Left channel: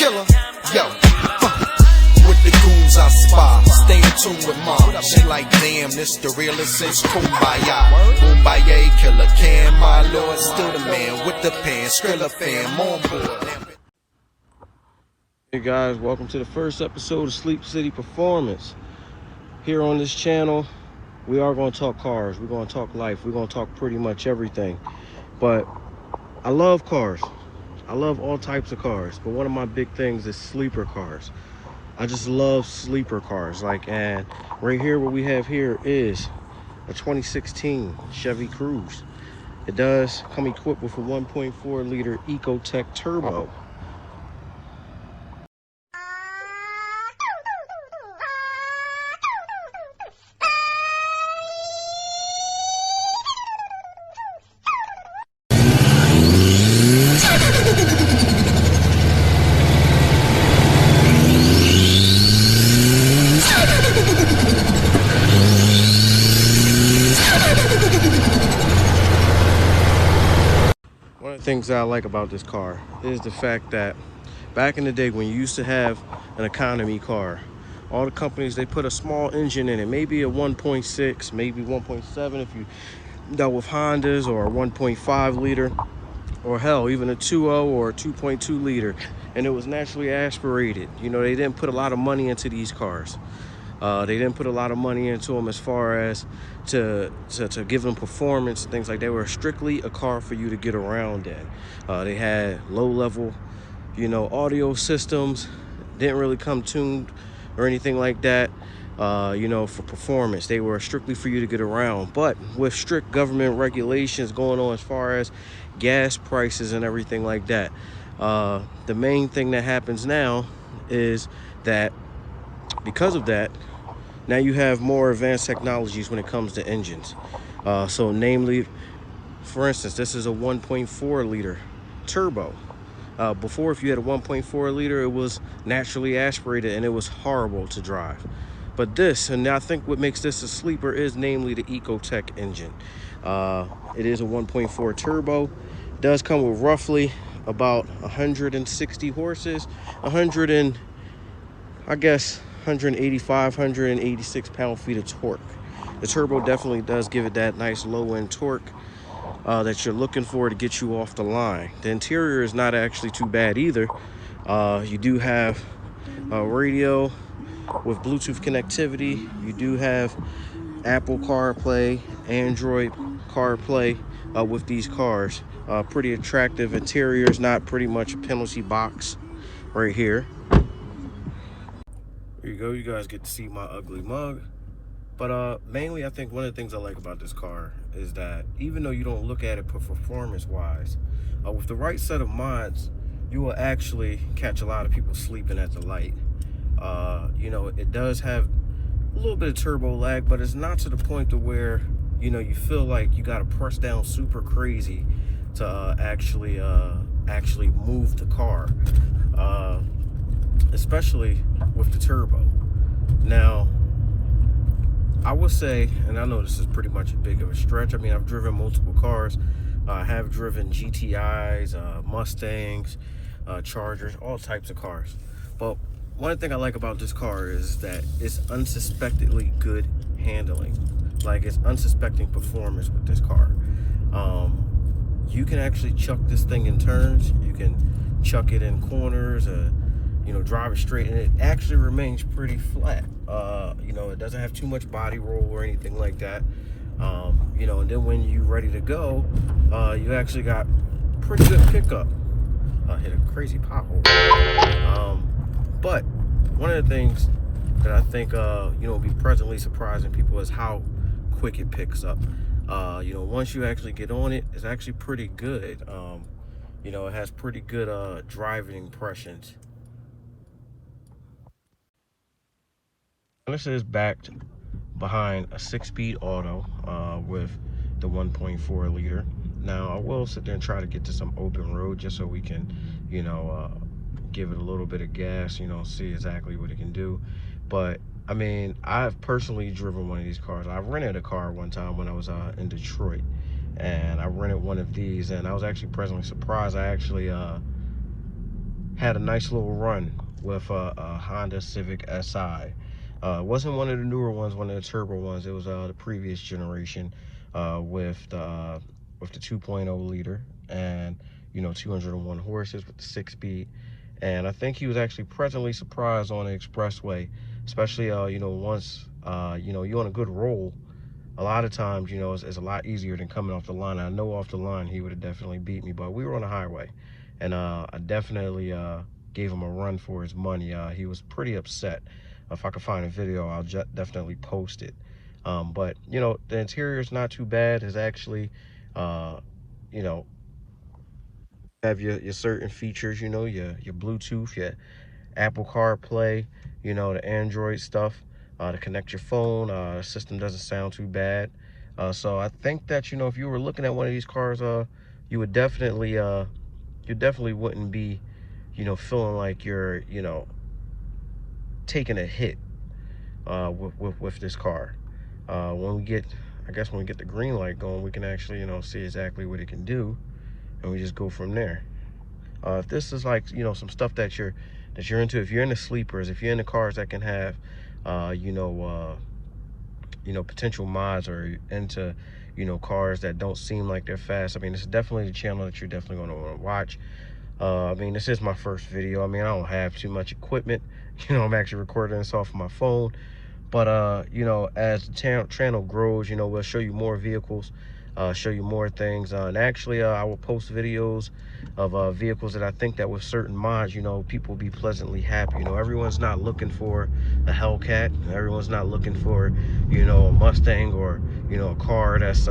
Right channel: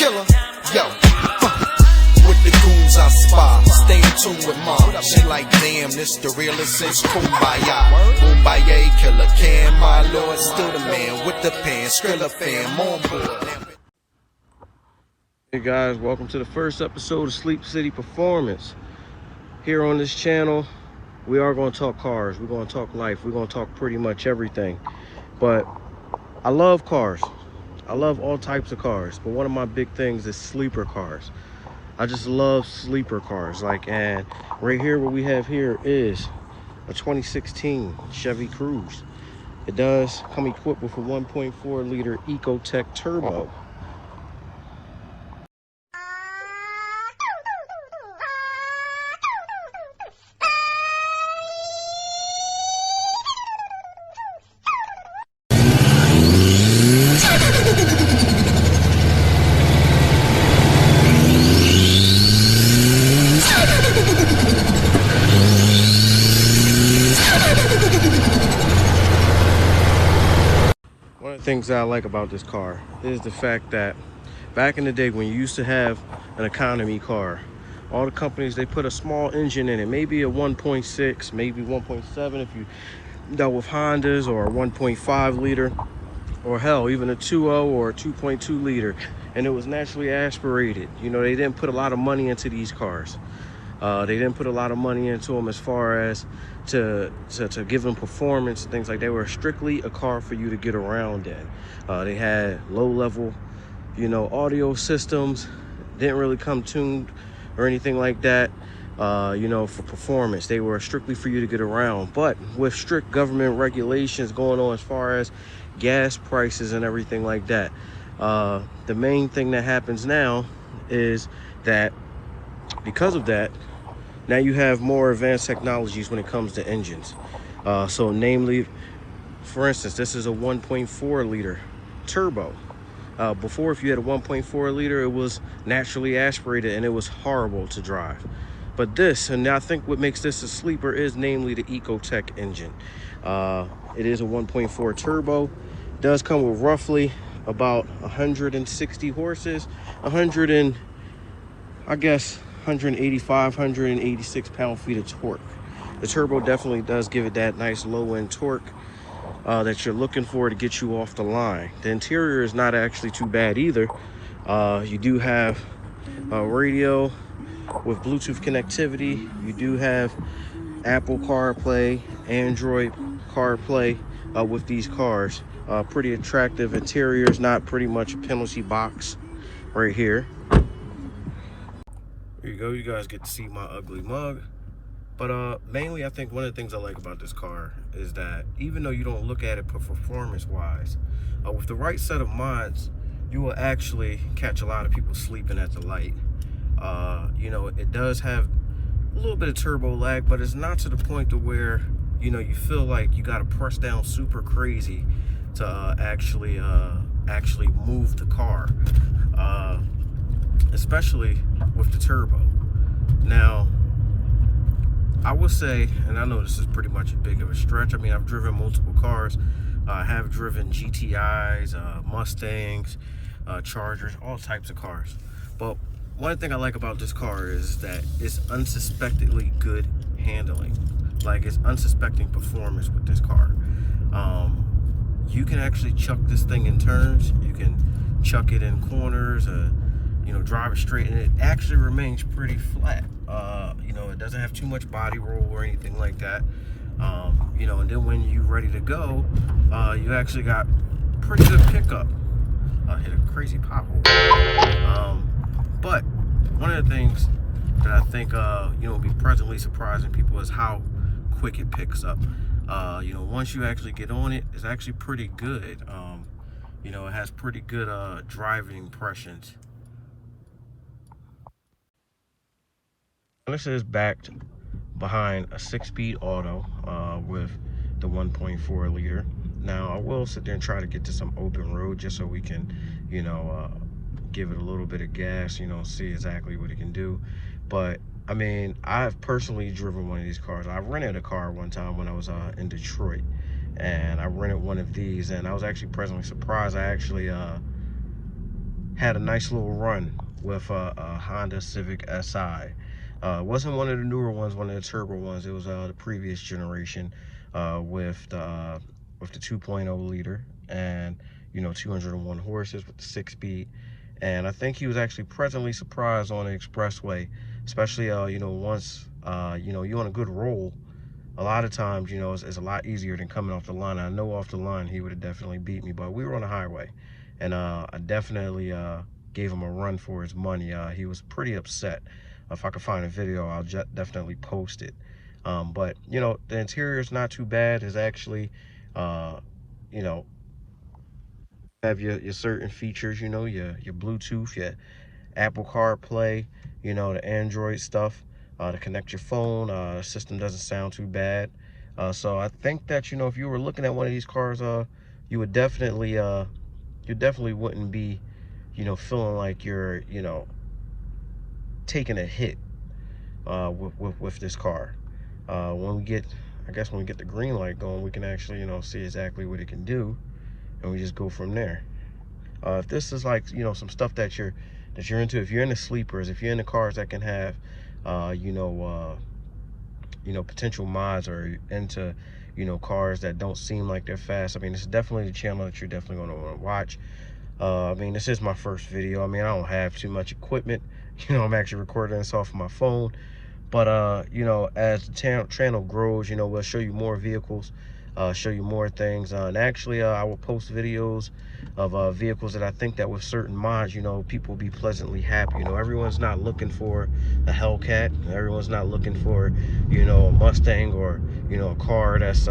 killer. Yo, with the goons I spy, stay in tune with mom. She like, damn, this the realest since Kumbaya. Kumbaya, killer can, my lord, still the man with the pen, Skrilla fam on board. Hey guys, welcome to the first episode of Sleep City Performance. Here on this channel, we are going to talk cars, we're going to talk life, we're going to talk pretty much everything. But I love cars. I love all types of cars, but one of my big things is sleeper cars. I just love sleeper cars. And right here, what we have here is a 2016 Chevy Cruze. It does come equipped with a 1.4 liter Ecotec turbo. One of the things that I like about this car is the fact that back in the day when you used to have an economy car, all the companies, they put a small engine in it, maybe a 1.6, maybe 1.7 if you dealt with Hondas, or a 1.5 liter, or hell, even a 2.0 or a 2.2 liter, and it was naturally aspirated. You know, they didn't put a lot of money into these cars. They didn't put a lot of money into them as far as to give them performance and things like that. They were strictly a car for you to get around in. They had low-level, audio systems. Didn't really come tuned or anything like that, for performance. They were strictly for you to get around. But with strict government regulations going on as far as gas prices and everything like that, the main thing that happens now is that because of that, now you have more advanced technologies when it comes to engines. So namely, for instance, this is a 1.4 liter turbo. Before, if you had a 1.4 liter, it was naturally aspirated and it was horrible to drive. But this, and I think what makes this a sleeper, is namely the Ecotec engine. It is a 1.4 turbo. It does come with roughly about 160 horses, 185, 186 pound-feet of torque. The turbo definitely does give it that nice low-end torque that you're looking for to get you off the line. The interior is not actually too bad either. You do have a radio with Bluetooth connectivity. You do have Apple CarPlay, Android CarPlay with these cars. Pretty attractive interiors, not pretty much a penalty box right here. There you go, you guys get to see my ugly mug. But mainly, I think one of the things I like about this car is that even though you don't look at it performance-wise, with the right set of mods, you will actually catch a lot of people sleeping at the light. It does have a little bit of turbo lag, but it's not to the point to where, you feel like you got to press down super crazy to actually move the car, especially with the turbo. Now, I would say, and I know this is pretty much a big of a stretch. I mean, I've driven multiple cars. I have driven GTIs, Mustangs, Chargers, all types of cars. But one thing I like about this car is that it's unsuspectedly good handling. Like, it's unsuspecting performance with this car. You can actually chuck this thing in turns. You can chuck it in corners, drive it straight, and it actually remains pretty flat. It doesn't have too much body roll or anything like that. And then when you're ready to go, you actually got pretty good pickup. I hit a crazy pothole. But one of the things that I think, will be pleasantly surprising people is how quick it picks up. Once you actually get on it, it's actually pretty good. It has pretty good driving impressions. This is backed behind a 6-speed auto with the 1.4 liter. Now, I will sit there and try to get to some open road just so we can, give it a little bit of gas, see exactly what it can do. But I mean, I've personally driven one of these cars. I rented a car one time when I was in Detroit, and I rented one of these, and I was actually pleasantly surprised. I actually had a nice little run with a Honda Civic Si. It wasn't one of the newer ones, one of the turbo ones. It was the previous generation with the 2.0 liter and 201 horses with the 6-speed. And I think he was actually pleasantly surprised on the expressway, especially once you're on a good roll. A lot of times, it's a lot easier than coming off the line. I know off the line he would have definitely beat me, but we were on a highway, and I definitely gave him a run for his money. He was pretty upset. If I could find a video, I'll definitely post it. But the interior is not too bad. It's actually, have your certain features. Your Bluetooth, your Apple CarPlay, the Android stuff, to connect your phone. The system doesn't sound too bad. So I think that, if you were looking at one of these cars, you would definitely, you definitely wouldn't be, feeling like you're, taking a hit with this car. When we get, I guess when we get the green light going, we can actually, see exactly what it can do, and we just go from there. If this is like, some stuff that you're into, if you're into sleepers, if you're into cars that can have, potential mods, or into, cars that don't seem like they're fast, I mean, this is definitely the channel that you're definitely going to want to watch. I mean, this is my first video. I mean, I don't have too much equipment. I'm actually recording this off of my phone. But, as the channel grows, we'll show you more vehicles, show you more things. And actually, I will post videos of vehicles that I think that with certain mods, people will be pleasantly happy. Everyone's not looking for a Hellcat. Everyone's not looking for, a Mustang, or, a car that's,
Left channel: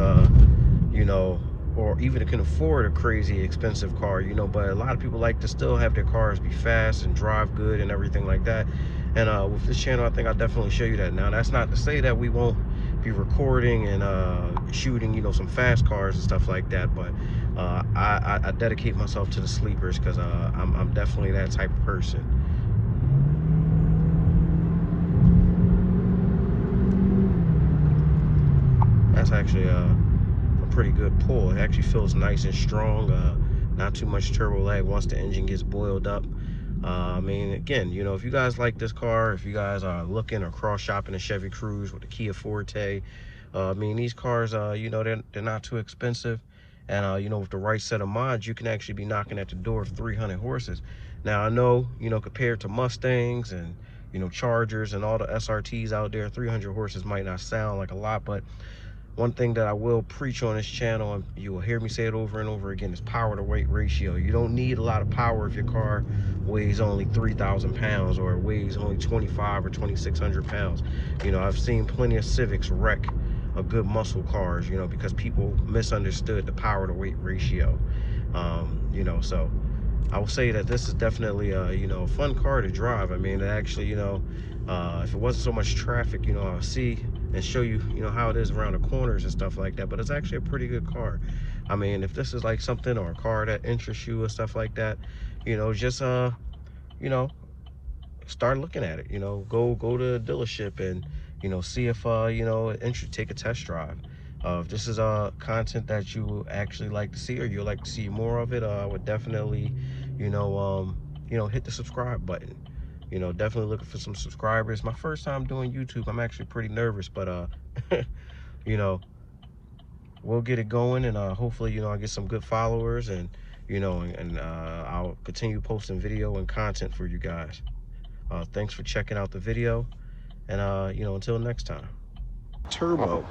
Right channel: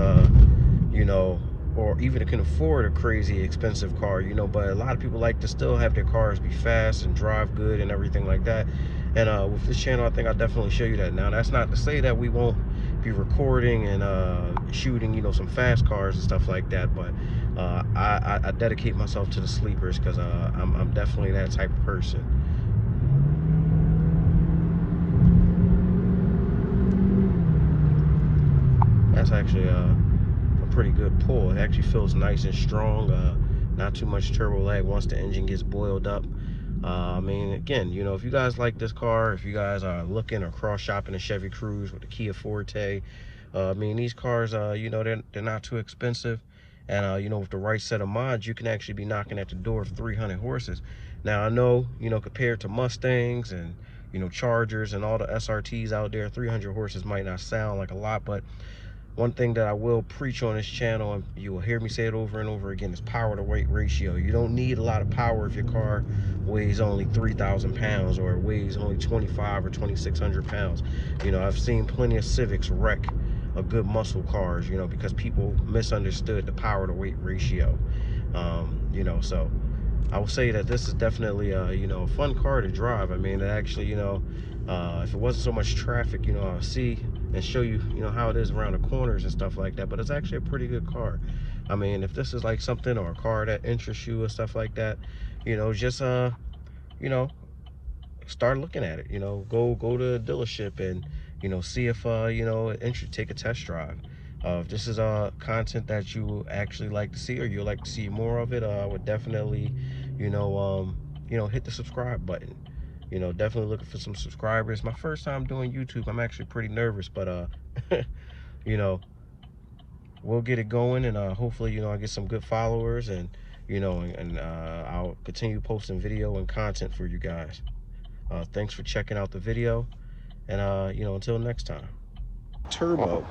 or even can afford a crazy expensive car, but a lot of people like to still have their cars be fast and drive good and everything like that. And with this channel, I think I'll definitely show you that. Now, that's not to say that we won't be recording and shooting, some fast cars and stuff like that, but I dedicate myself to the sleepers, because I'm definitely that type of person. That's actually a pretty good pull. It actually feels nice and strong, not too much turbo lag once the engine gets boiled up. I mean, again, if you guys like this car, if you guys are looking or cross shopping a Chevy Cruze with a Kia Forte, I mean, these cars, they're not too expensive, and with the right set of mods, you can actually be knocking at the door of 300 horses. Now, I know, compared to Mustangs and Chargers and all the SRTs out there, 300 horses might not sound like a lot, but one thing that I will preach on this channel, and you will hear me say it over and over again, is power to weight ratio. You don't need a lot of power if your car weighs only 3,000 pounds, or it weighs only 2,500 or 2,600 pounds. I've seen plenty of Civics wreck a good muscle cars, because people misunderstood the power to weight ratio. So I will say that this is definitely a fun car to drive. I mean, actually, if it wasn't so much traffic, I'll see and show you, how it is around the corners and stuff like that. But it's actually a pretty good car. I mean, if this is like something, or a car that interests you or stuff like that, just start looking at it. Go to the dealership and see if take a test drive. If this is content that you actually like to see, or you like to see more of it, I would definitely hit the subscribe button. Definitely looking for some subscribers. My first time doing YouTube, I'm actually pretty nervous, but we'll get it going, and hopefully I get some good followers, and I'll continue posting video and content for you guys. Thanks for checking out the video, and until next time. Turbo.